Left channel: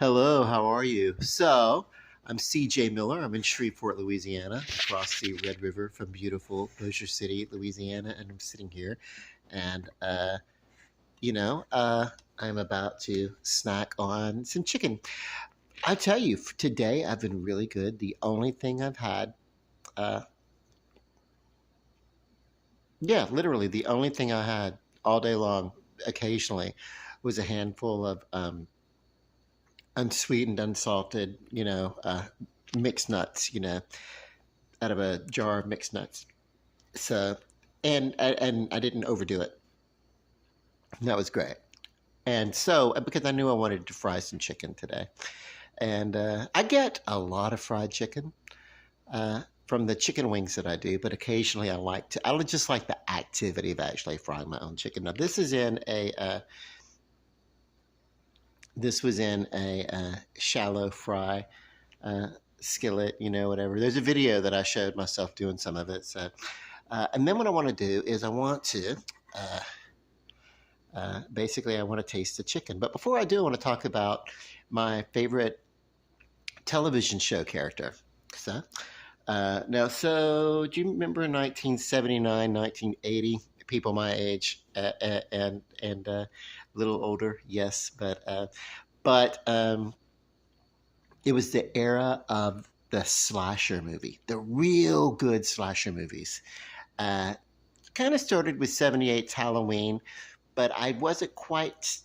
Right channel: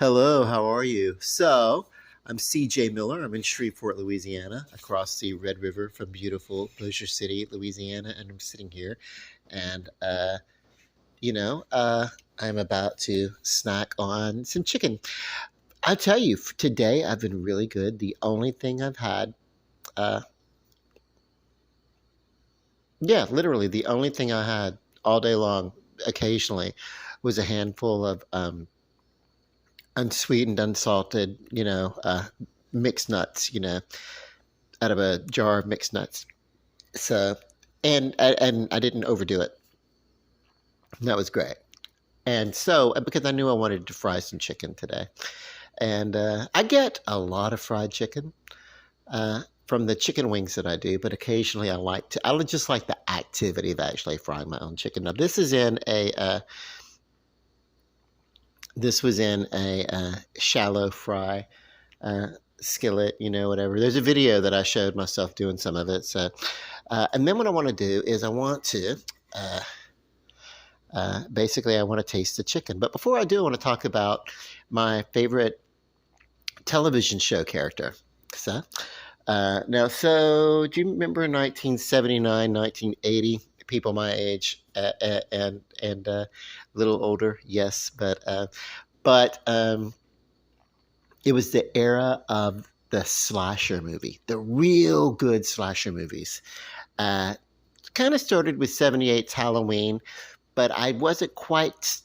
Hello, how are you? I'm CJ Miller. I'm in Shreveport, Louisiana, across the Red River from beautiful Bossier City, Louisiana, and I'm sitting here and you know, uh I'm about to snack on some chicken. I tell you, today I've been really good. The only thing I've had uh yeah, literally the only thing I had all day long occasionally was a handful of unsweetened, unsalted, mixed nuts, out of a jar of mixed nuts. So, and I didn't overdo it. That was great. And so, because I knew I wanted to fry some chicken today, and I get a lot of fried chicken from the chicken wings that I do, but occasionally I just like the activity of actually frying my own chicken. Now, this was in a shallow fry uh, skillet, whatever. There's a video that I showed myself doing some of it. So, and then what I want to do is I want to, uh, basically, I want to taste the chicken. But before I do, I want to talk about my favorite television show character. So, do you remember 1979, 1980? People my age and a little older, yes, but it was the era of the slasher movie, the real good slasher movies. Uh, Kind of started with 78's Halloween, but I wasn't quite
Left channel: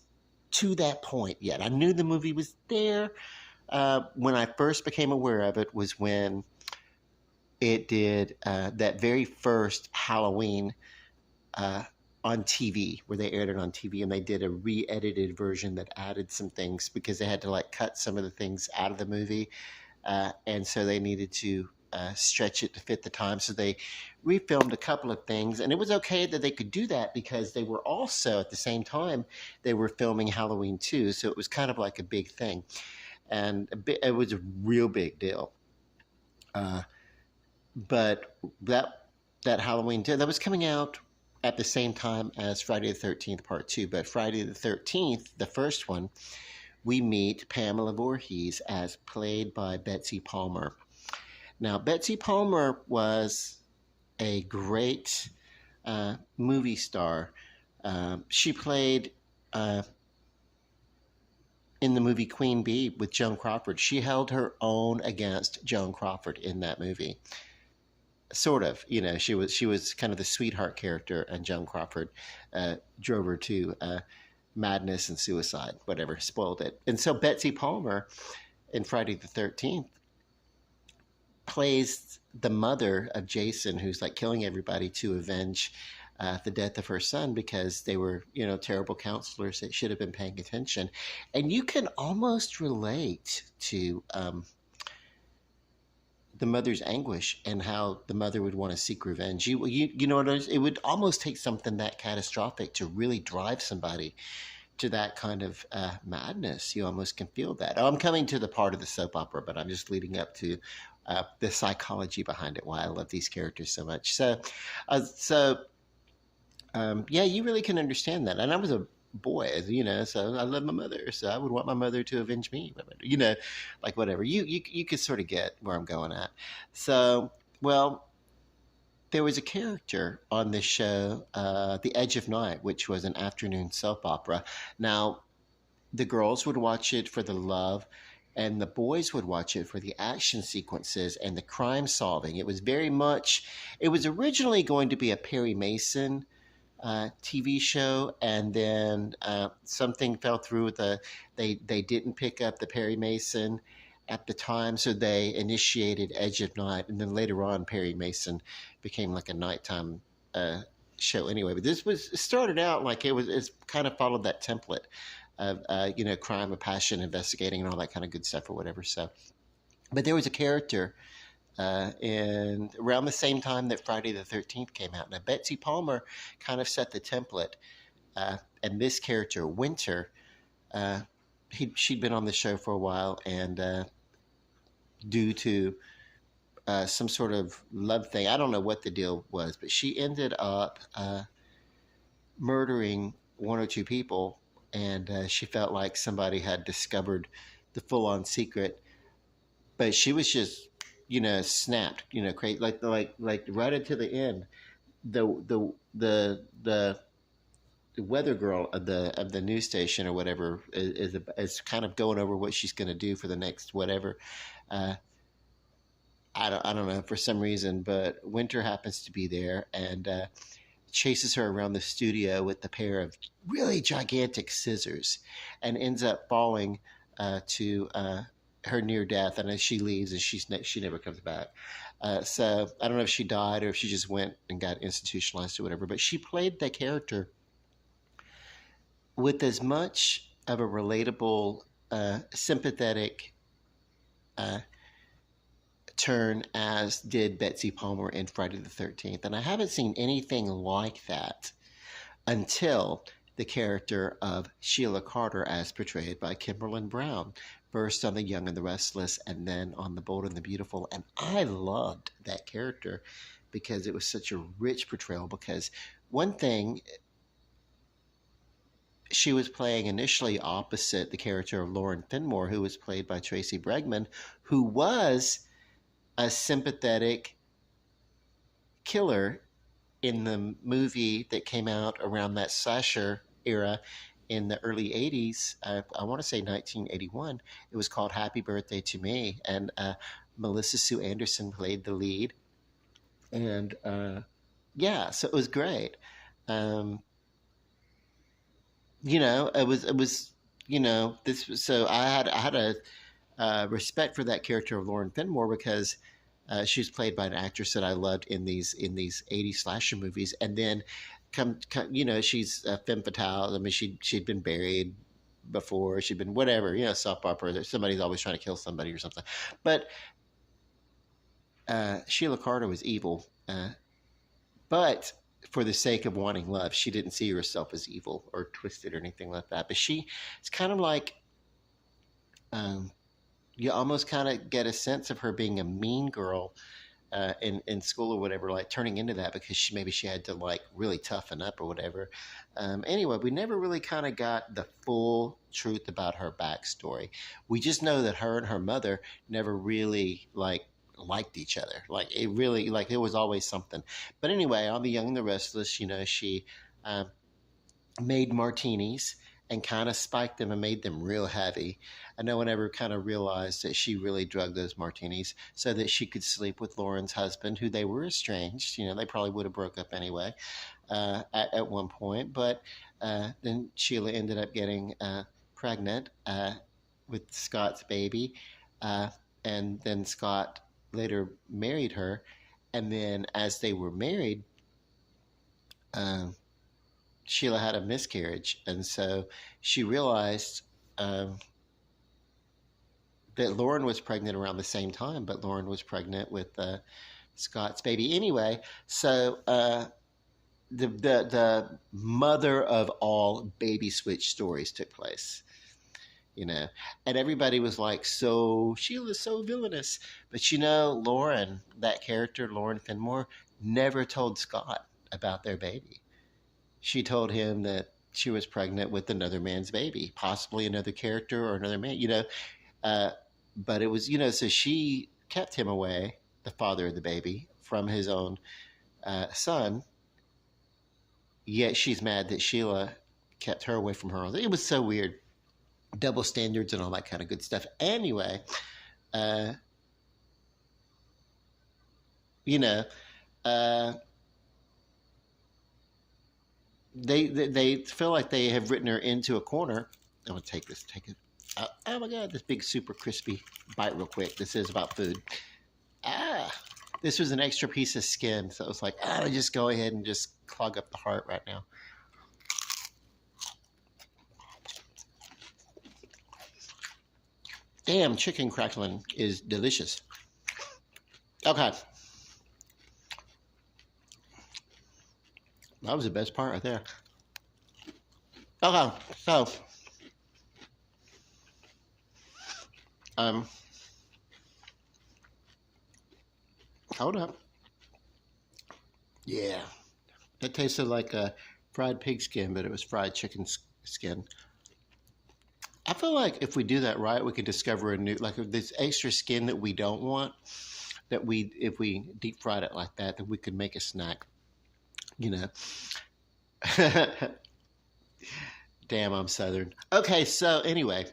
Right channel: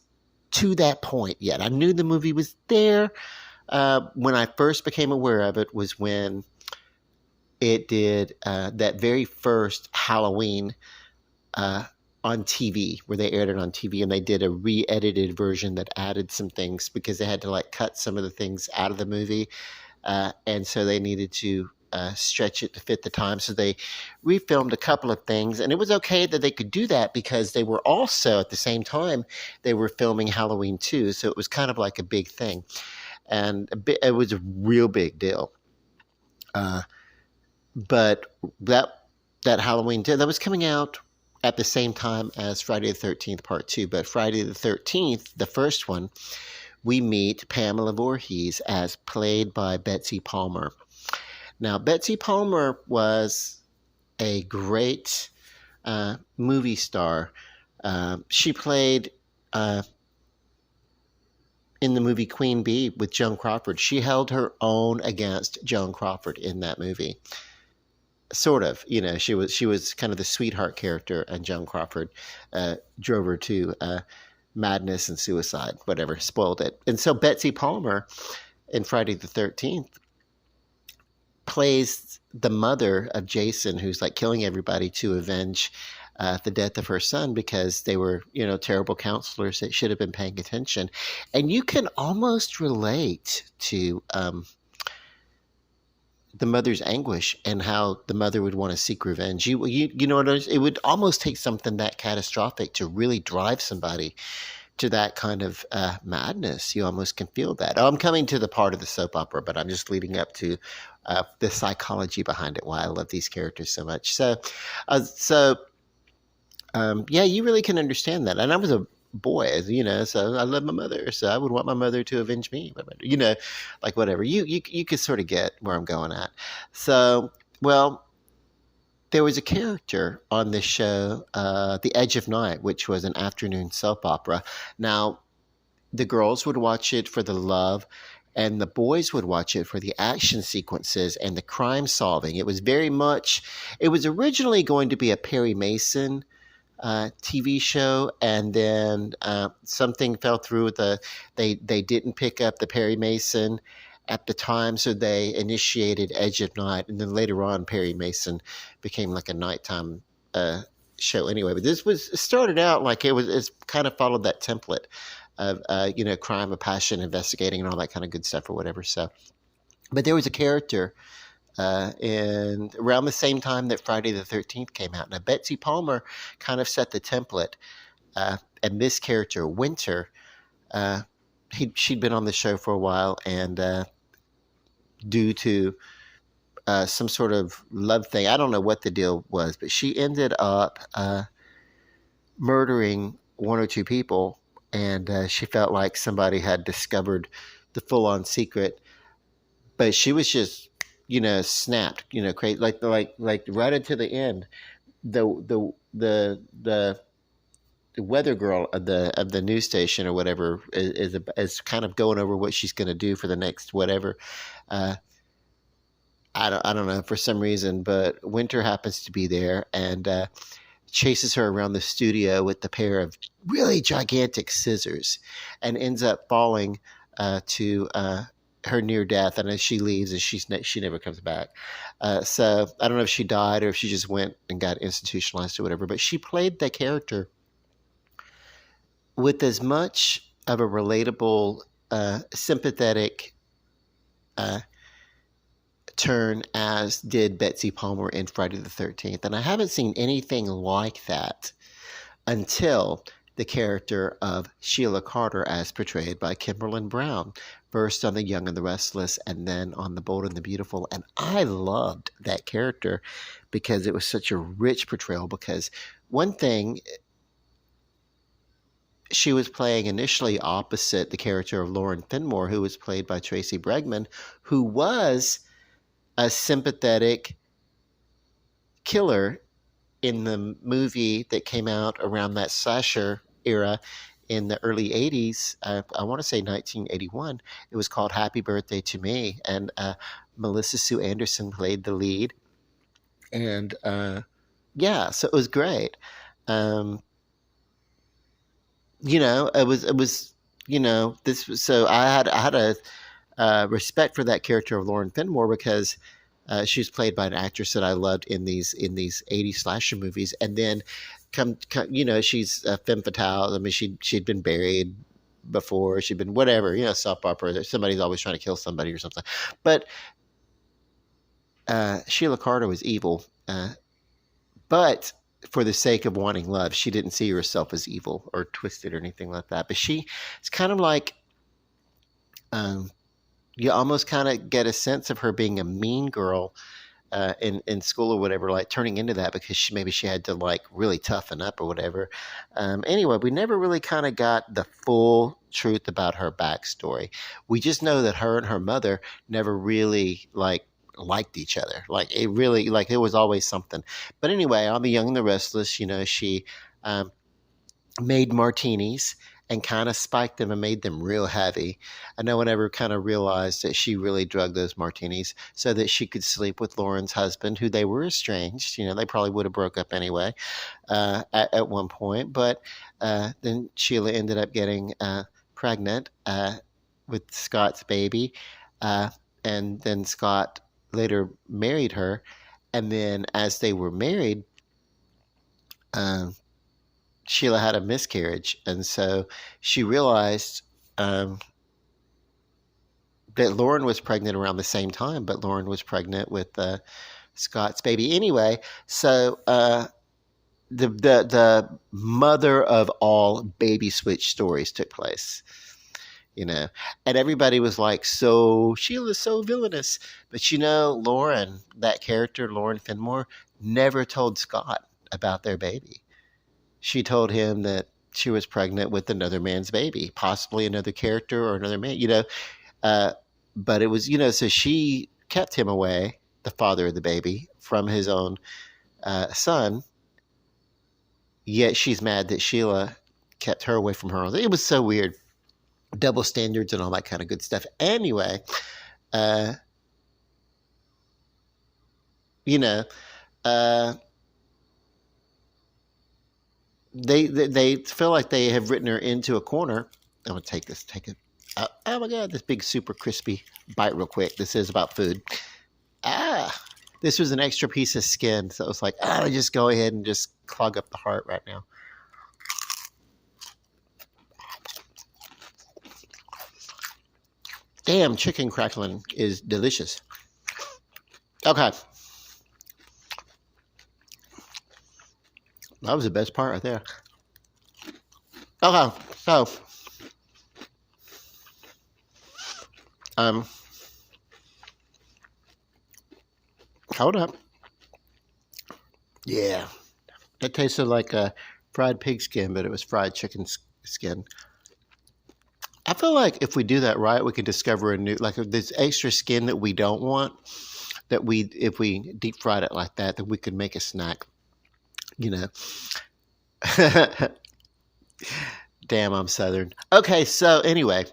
to that point yet. I knew the movie was there. When I first became aware of it was when it did that very first Halloween uh, on TV, where they aired it on TV, and they did a re-edited version that added some things because they had to like cut some of the things out of the movie, and so they needed to stretch it to fit the time. So they refilmed a couple of things, and it was okay that they could do that because they were also at the same time they were filming Halloween 2, so it was kind of like a big thing, and it was a real big deal. Uh, but that Halloween 2 that was coming out at the same time as Friday the 13th Part 2. But Friday the 13th, the first one, we meet Pamela Voorhees as played by Betsy Palmer. Now, Betsy Palmer was a great movie star. She played in the movie Queen Bee with Joan Crawford. She held her own against Joan Crawford in that movie. Sort of, she was kind of the sweetheart character, and Joan Crawford drove her to madness and suicide, whatever, spoiled it. And so Betsy Palmer in Friday the 13th plays the mother of Jason, who's like killing everybody to avenge the death of her son because they were, terrible counselors that should have been paying attention. And you can almost relate to the mother's anguish and how the mother would want to seek revenge. You know what it would almost take something that catastrophic to really drive somebody to that kind of madness. You almost can feel that. Oh, I'm coming to the part of the soap opera, but I'm just leading up to the psychology behind it, why I love these characters so much. Yeah, you really can understand that. And I was a boy, so I love my mother, so I would want my mother to avenge me, like whatever. You could sort of get where I'm going at. So, well, there was a character on this show, The Edge of Night, which was an afternoon soap opera. Now, the girls would watch it for the love, and the boys would watch it for the action sequences and the crime solving. It was originally going to be a Perry Mason TV show, and then something fell through. They didn't pick up the Perry Mason at the time, so they initiated Edge of Night, and then later on Perry Mason became like a nighttime show anyway. But this was started out like it's kind of followed that template of crime of passion, investigating, and all that kind of good stuff or whatever. So, but there was a character and around the same time that Friday the 13th came out. Now, Betsy Palmer kind of set the template, and this character, Winter, she'd been on the show for a while, and due to some sort of love thing, I don't know what the deal was, but she ended up murdering one or two people, and she felt like somebody had discovered the full on secret, but she was just, snapped, crazy, like right into the end. The weather girl of the news station or whatever is kind of going over what she's going to do for the next whatever. Uh, I don't know for some reason, but Winter happens to be there and chases her around the studio with the pair of really gigantic scissors, and ends up falling to her near death. And as she leaves, and she never comes back. So I don't know if she died or if she just went and got institutionalized or whatever. But she played that character with as much of a relatable, sympathetic uh, turn as did Betsy Palmer in Friday the 13th. And I haven't seen anything like that until the character of Sheila Carter as portrayed by Kimberlin Brown, first on The Young and the Restless and then on The Bold and the Beautiful. And I loved that character because it was such a rich portrayal. Because one thing, she was playing initially opposite the character of Lauren Finmore, who was played by Tracy Bregman, who was a sympathetic killer in the movie that came out around that slasher era in the early 80s. I want to say 1981. It was called Happy Birthday to Me. And Melissa Sue Anderson played the lead. And yeah, so it was great. It was, this was, so I had a respect for that character of Lauren Finmore because she was played by an actress that I loved in these 80s slasher movies. And then she's a femme fatale. I mean, she'd been buried before. She'd been whatever, soap opera. Somebody's always trying to kill somebody or something. But Sheila Carter was evil. But for the sake of wanting love, she didn't see herself as evil or twisted or anything like that. But it's kind of like, you almost kind of get a sense of her being a mean girl in school or whatever, like turning into that because she had to like really toughen up or whatever. Anyway, we never really kind of got the full truth about her backstory. We just know that her and her mother never really liked each other. Like it really, like there was always something. But anyway, on The Young and the Restless, she made martinis and kind of spiked them and made them real heavy. And no one ever kind of realized that she really drugged those martinis so that she could sleep with Lauren's husband, who they were estranged. They probably would have broke up anyway at one point. But then Sheila ended up getting pregnant with Scott's baby. And then Scott later married her. And then as they were married, Sheila had a miscarriage, and so she realized that Lauren was pregnant around the same time, but Lauren was pregnant with Scott's baby anyway. So the mother of all baby switch stories took place, and everybody was like, "So Sheila's so villainous," but Lauren, that character, Lauren Finmore, never told Scott about their baby. She told him that she was pregnant with another man's baby, possibly another character or another man, but it was, so she kept him away, the father of the baby, from his own son. Yet she's mad that Sheila kept her away from her own. It was so weird. Double standards and all that kind of good stuff. Anyway, uh, they feel like they have written her into a corner. I'm gonna take it. Oh my god, this big super crispy bite real quick. This is about food. This was an extra piece of skin, so it was like, just go ahead and just clog up the heart right now. Damn, chicken crackling is delicious. Okay. That was the best part right there. Okay, so hold up. Yeah, it tasted like a fried pig skin, but it was fried chicken skin. I feel like if we do that right, we can discover a new, like if there's extra skin that we don't want, that we, if we deep fried it like that, that we could make a snack, you know. Damn, I'm Southern. Okay, so anyway,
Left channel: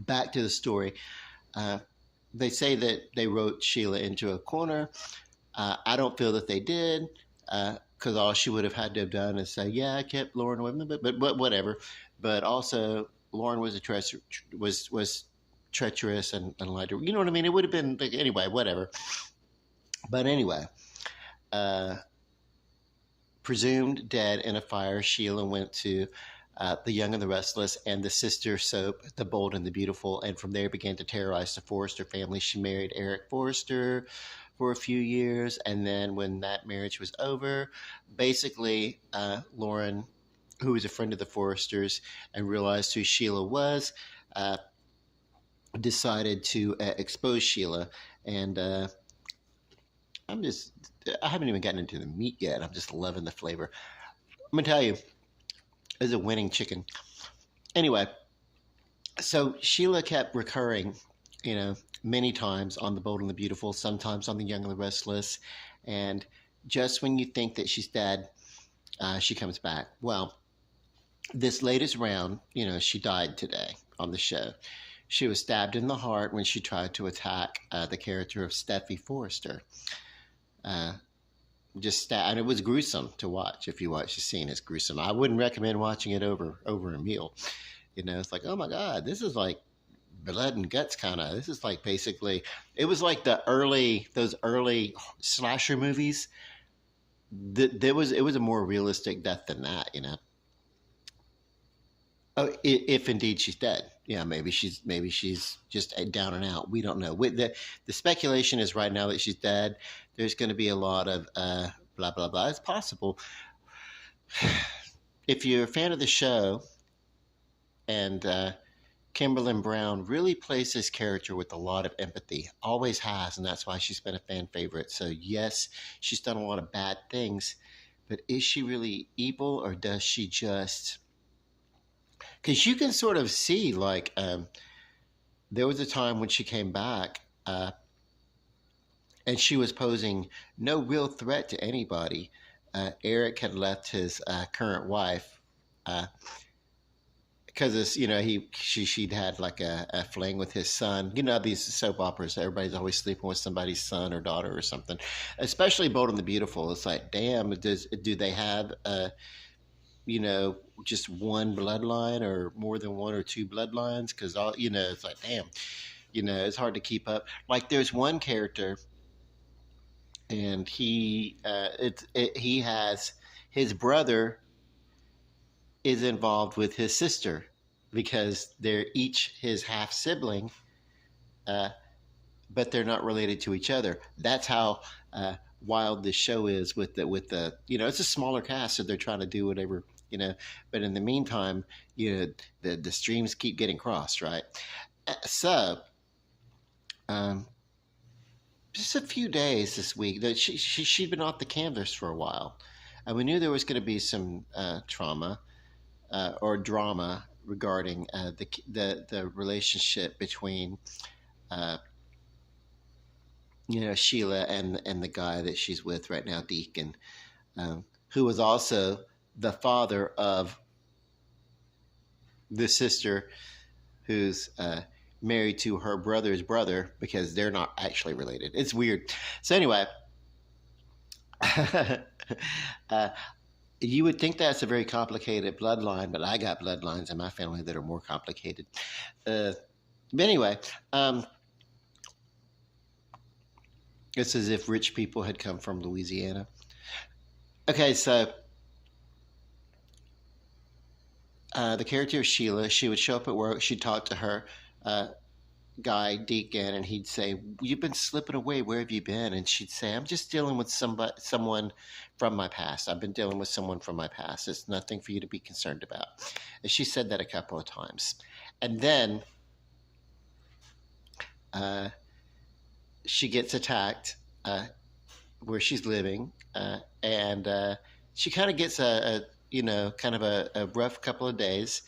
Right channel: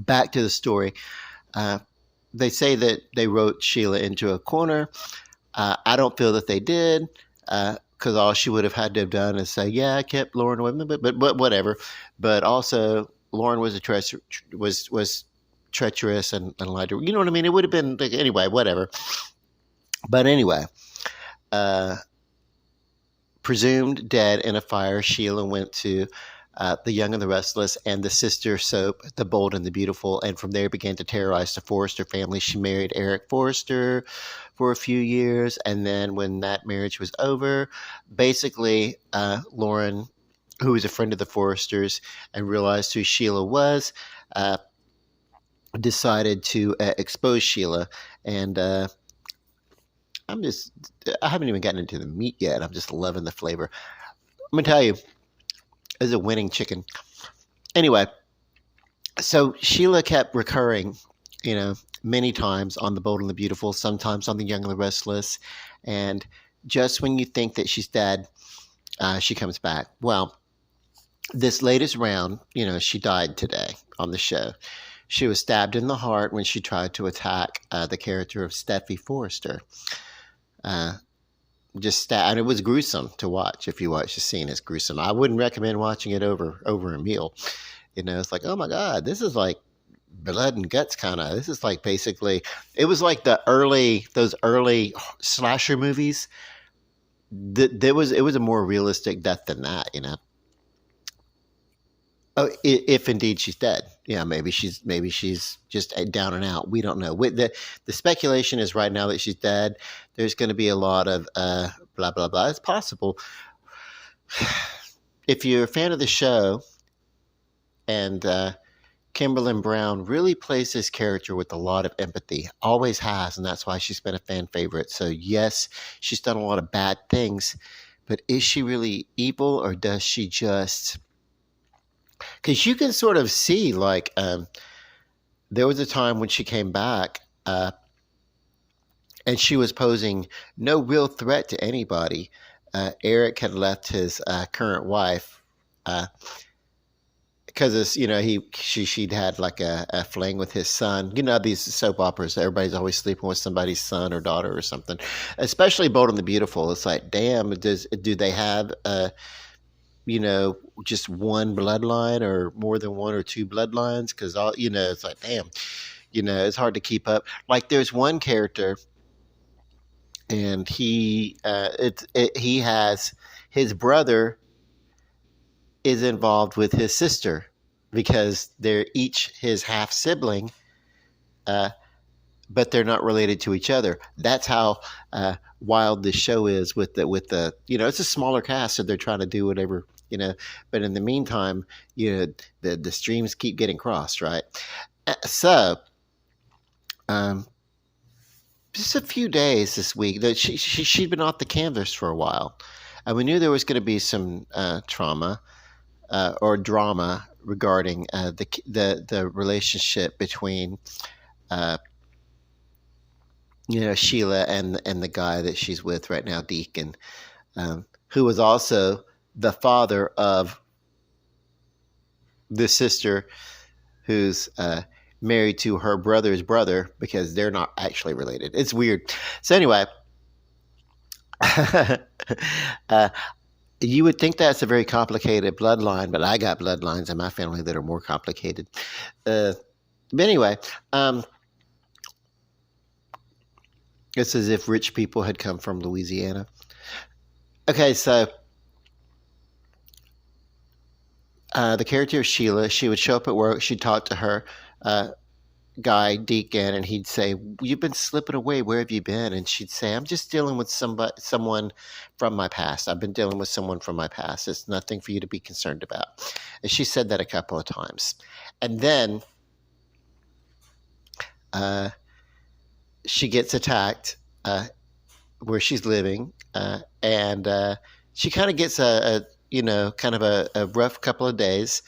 back to the story. Uh, they say that they wrote Sheila into a corner. I don't feel that they did, because all she would have had to have done is say, "Yeah, I kept Lauren with me," but whatever. But also, Lauren was was treacherous and lied to her. You know what I mean? It would have been like, anyway, whatever. But anyway, uh, presumed dead in a fire, Sheila went to The Young and the Restless and the sister soap, The Bold and the Beautiful, and from there began to terrorize the Forrester family. She married Eric Forrester for a few years, and then when that marriage was over, basically, Lauren, who was a friend of the Forresters and realized who Sheila was, uh, decided to expose Sheila. And I'm just, I haven't even gotten into the meat yet. I'm just loving the flavor. I'm gonna tell you, it's a winning chicken. Anyway, so Sheila kept recurring, you know, many times on The Bold and the Beautiful, sometimes on The Young and the Restless, and just when you think that she's dead, she comes back. Well, this latest round, you know, she died today on the show. She was stabbed in the heart when she tried to attack the character of Steffi Forrester. Uh, and it was gruesome to watch. If you watch the scene, it's gruesome. I wouldn't recommend watching it over a meal. You know, it's like, oh my god, this is like blood and guts kind of. This is like basically, it was like those early slasher movies. It was a more realistic death than that. You know. Oh, if indeed she's dead, yeah, maybe she's just down and out. We don't know. With the speculation is right now that she's dead. There's going to be a lot of blah blah blah. It's possible. If you're a fan of the show, and Kimberlyn Brown really plays this character with a lot of empathy, always has, and that's why she's been a fan favorite. So yes, she's done a lot of bad things, but is she really evil, or does she just? Because you can sort of see, like, there was a time when she came back, and she was posing no real threat to anybody. Eric had left his current wife because it's, you know, she'd had like a fling with his son. You know, these soap operas, everybody's always sleeping with somebody's son or daughter or something. Especially Bold and the Beautiful. It's like, damn, do they have you know, just one bloodline or more than one or two bloodlines? Because all, you know, it's like, damn, you know, it's hard to keep up. Like there's one character, and he has his brother is involved with his sister because they're each his half sibling, uh, but they're not related to each other. That's how wild this show is with the, you know, it's a smaller cast, so they're trying to do whatever, you know. But in the meantime, you know, the streams keep getting crossed, right? So um, just a few days this week that she'd been off the canvas for a while, and we knew there was going to be some trauma or drama regarding the relationship between you know, Sheila and the guy that she's with right now, Deacon, who was also the father of the sister who's married to her brother's brother, because they're not actually related. It's weird. So anyway, you would think that's a very complicated bloodline, but I got bloodlines in my family that are more complicated. But anyway, it's as if rich people had come from Louisiana. Okay, so the character of Sheila, she would show up at work, she'd talk to her guy, Deacon, and he'd say, "You've been slipping away, where have you been?" And she'd say, "I'm just dealing with someone from my past. I've been dealing with someone from my past. It's nothing for you to be concerned about." And she said that a couple of times. And then she gets attacked where she's living, and she kind of gets a you know, kind of a rough couple of days,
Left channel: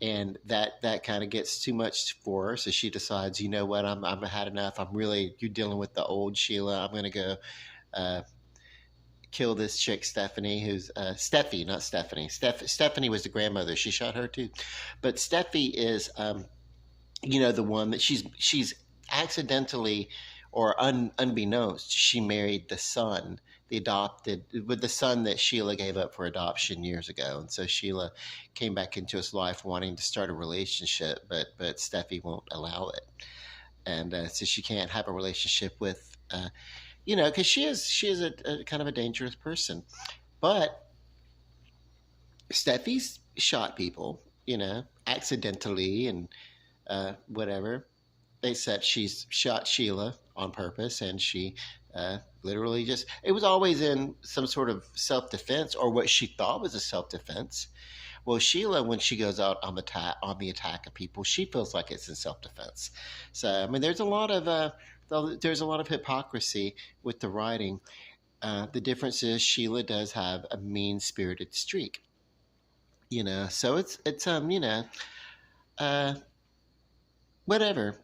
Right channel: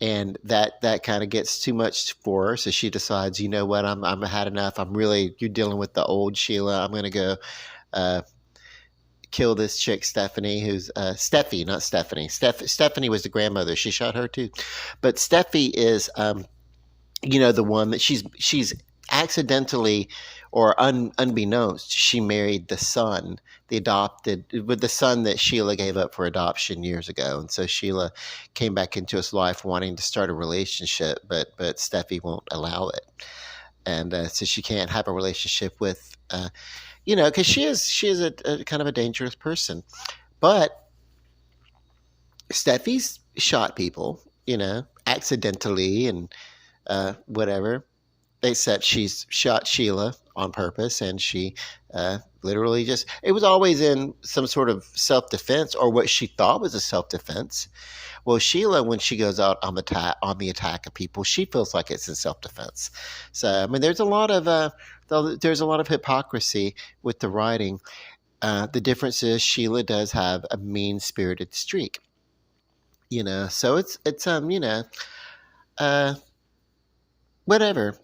and that kind of gets too much for her. So she decides, you know what, I'm had enough. I'm really you're dealing with the old Sheila. I'm gonna go uh, kill this chick Stephanie, who's Steffi, not Stephanie. Stephanie was the grandmother. She shot her too, but Steffi is the one that she's accidentally or unbeknownst she married the son, the adopted with the son that Sheila gave up for adoption years ago, and so Sheila came back into his life wanting to start a relationship, but Steffi won't allow it, and so she can't have a relationship with because she is a kind of a dangerous person, but Steffi's shot people, accidentally and whatever, except she's shot Sheila on purpose, and she literally just, it was always in some sort of self-defense or what she thought was a self-defense. Well, Sheila, when she goes out on the attack of people, she feels like it's in self-defense. So I mean, there's a lot of hypocrisy with the writing. The difference is Sheila does have a mean-spirited streak, so it's uh whatever,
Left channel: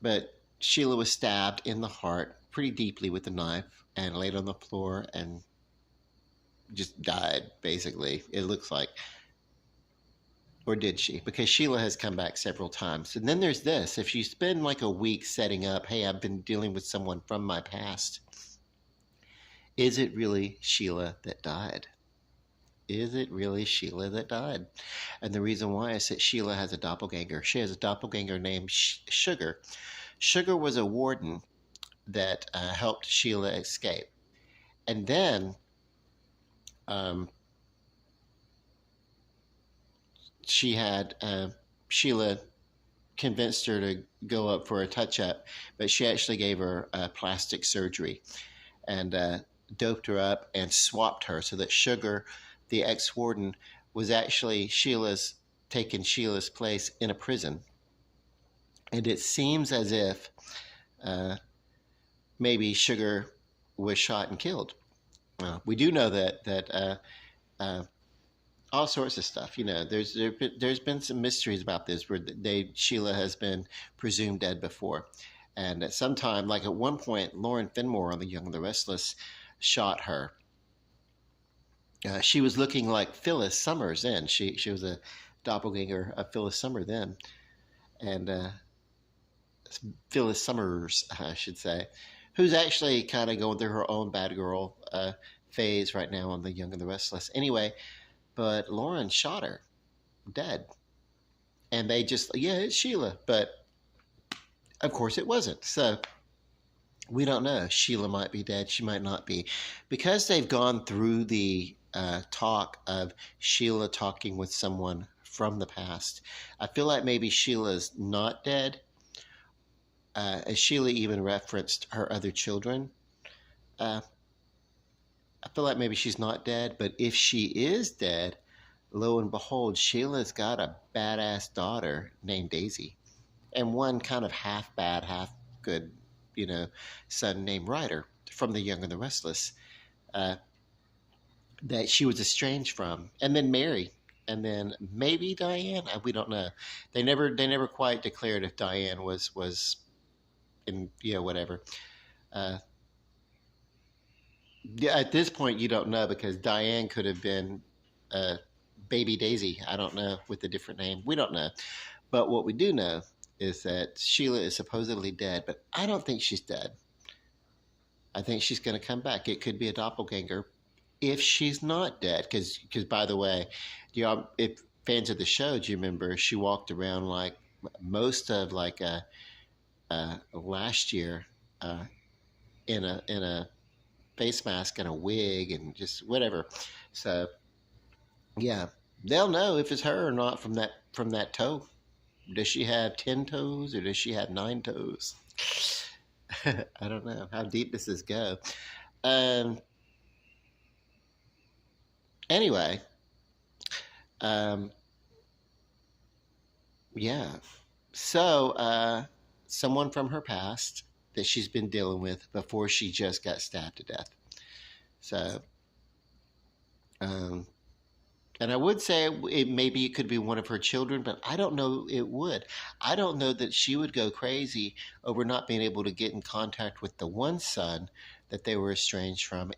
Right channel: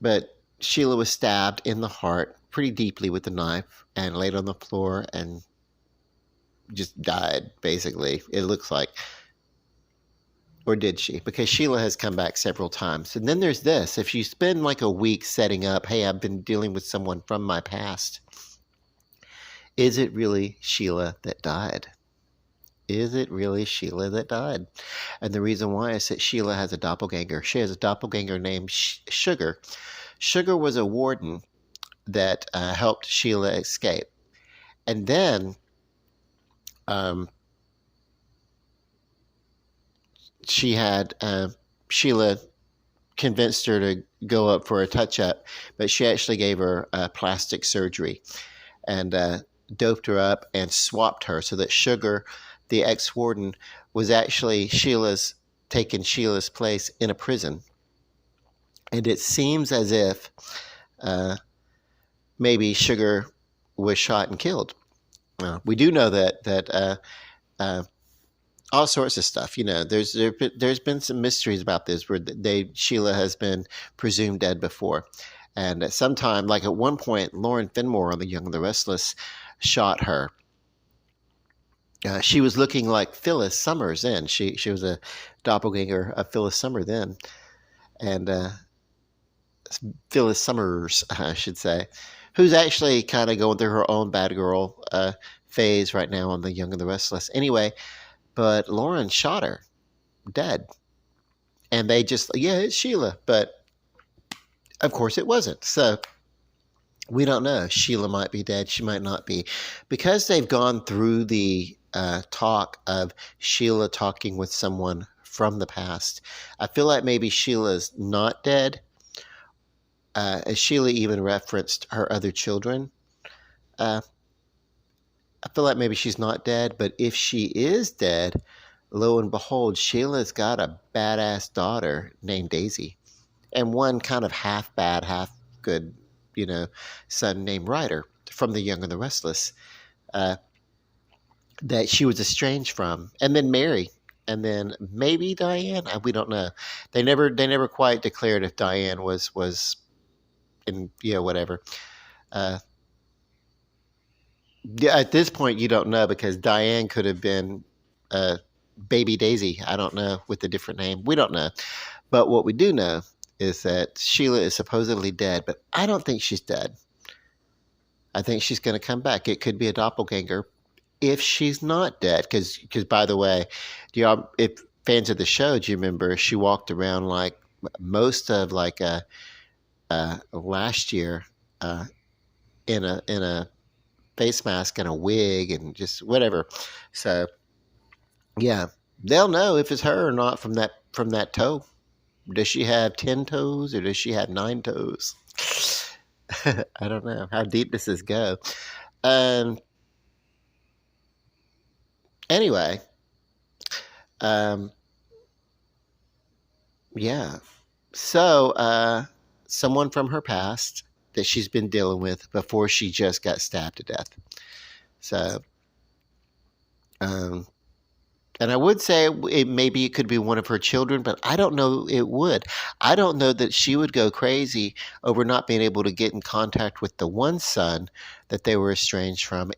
but Sheila was stabbed in the heart pretty deeply with a knife and laid on the floor and just died, basically, it looks like. Or did she? Because Sheila has come back several times. And then there's this. If you spend like a week setting up, hey, I've been dealing with someone from my past, is it really Sheila that died? Is it really Sheila that died? And the reason why is that Sheila has a doppelganger. She has a doppelganger named Sugar. Sugar was a warden that helped Sheila escape. And then um, Sheila convinced her to go up for a touch-up, but she actually gave her plastic surgery and doped her up and swapped her so that Sugar, the ex-warden, was actually taken Sheila's place in a prison. And it seems as if maybe Sugar was shot and killed. We do know that all sorts of stuff. There's been some mysteries about this where Sheila has been presumed dead before, and at some time, like at one point, Lauren Finmore on The Young and the Restless shot her. She was looking like Phyllis Summers then. She was a doppelganger of Phyllis Summer then, and Phyllis Summers, I should say, who's actually kind of going through her own bad girl phase right now on The Young and the Restless. Anyway, but Lauren shot her dead. And they just, yeah, it's Sheila. But of course it wasn't. So we don't know. Sheila might be dead. She might not be. Because they've gone through the talk of Sheila talking with someone from the past, I feel like maybe Sheila's not dead. As Sheila even referenced her other children. I feel like maybe she's not dead, but if she is dead, lo and behold, Sheila's got a badass daughter named Daisy, and one kind of half bad, half good, son named Ryder from The Young and the Restless, that she was estranged from, and then Mary, and then maybe Diane. We don't know. They never quite declared if Diane was in whatever. Yeah, at this point, you don't know because Diane could have been Baby Daisy. I don't know, with a different name. We don't know. But what we do know is that Sheila is supposedly dead, but I don't think she's dead. I think she's going to come back. It could be a doppelganger if she's not dead. Because by the way, if fans of the show, do you remember she walked around like most of last year in a face mask and a wig and just whatever. So yeah, they'll know if it's her or not from that toe. Does she have 10 toes or does she have 9 toes? I don't know. How deep does this go? Anyway, yeah. So someone from her past that she's been dealing with before she just got stabbed to death. So And I would say maybe it could be one of her children, but I don't know it would. I don't know that she would go crazy over not being able to get in contact with the one son that they were estranged from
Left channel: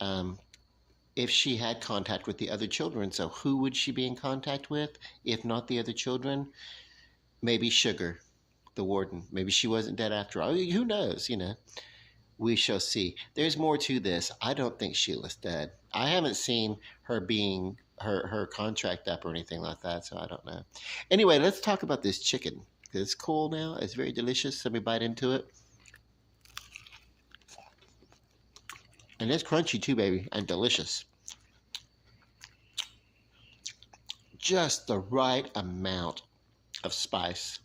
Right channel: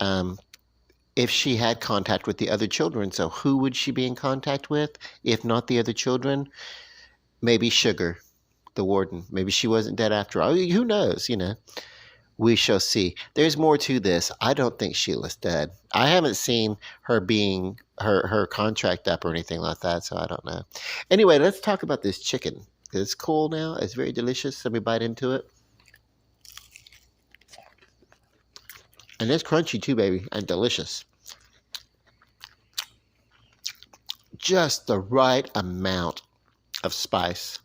um, if she had contact with the other children. So who would she be in contact with if not the other children? Maybe Sugar, the warden. Maybe she wasn't dead after all. Who knows, you know? We shall see. There's more to this. I don't think Sheila's dead. I haven't seen her being her contract up or anything like that, so I don't know. Anyway, let's talk about this chicken. It's cool now. It's very delicious. Let me bite into it. And it's crunchy too, baby, and delicious. Just the right amount of spice.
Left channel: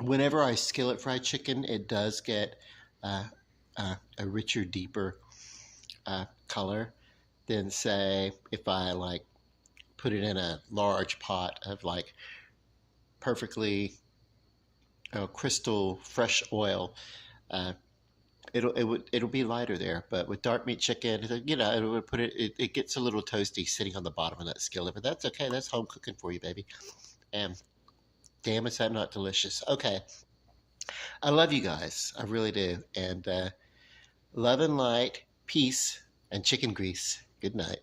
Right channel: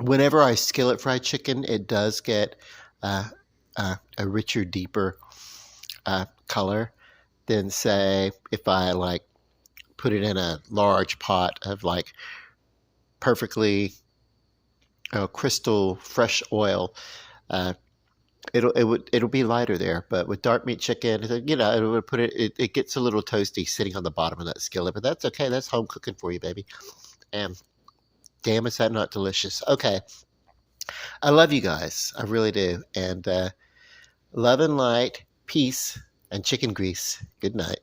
Whenever I skillet fry chicken, it does get uh, a richer, deeper color than, say, if I like put it in a large pot of like perfectly crystal fresh oil. Uh, it'll be lighter there, but with dark meat chicken, you know, it would put it gets a little toasty sitting on the bottom of that skillet, but that's okay. That's home cooking for you, baby. And damn, is that not delicious? Okay, I love you guys, I really do, and love and light, peace, and chicken grease. Good night.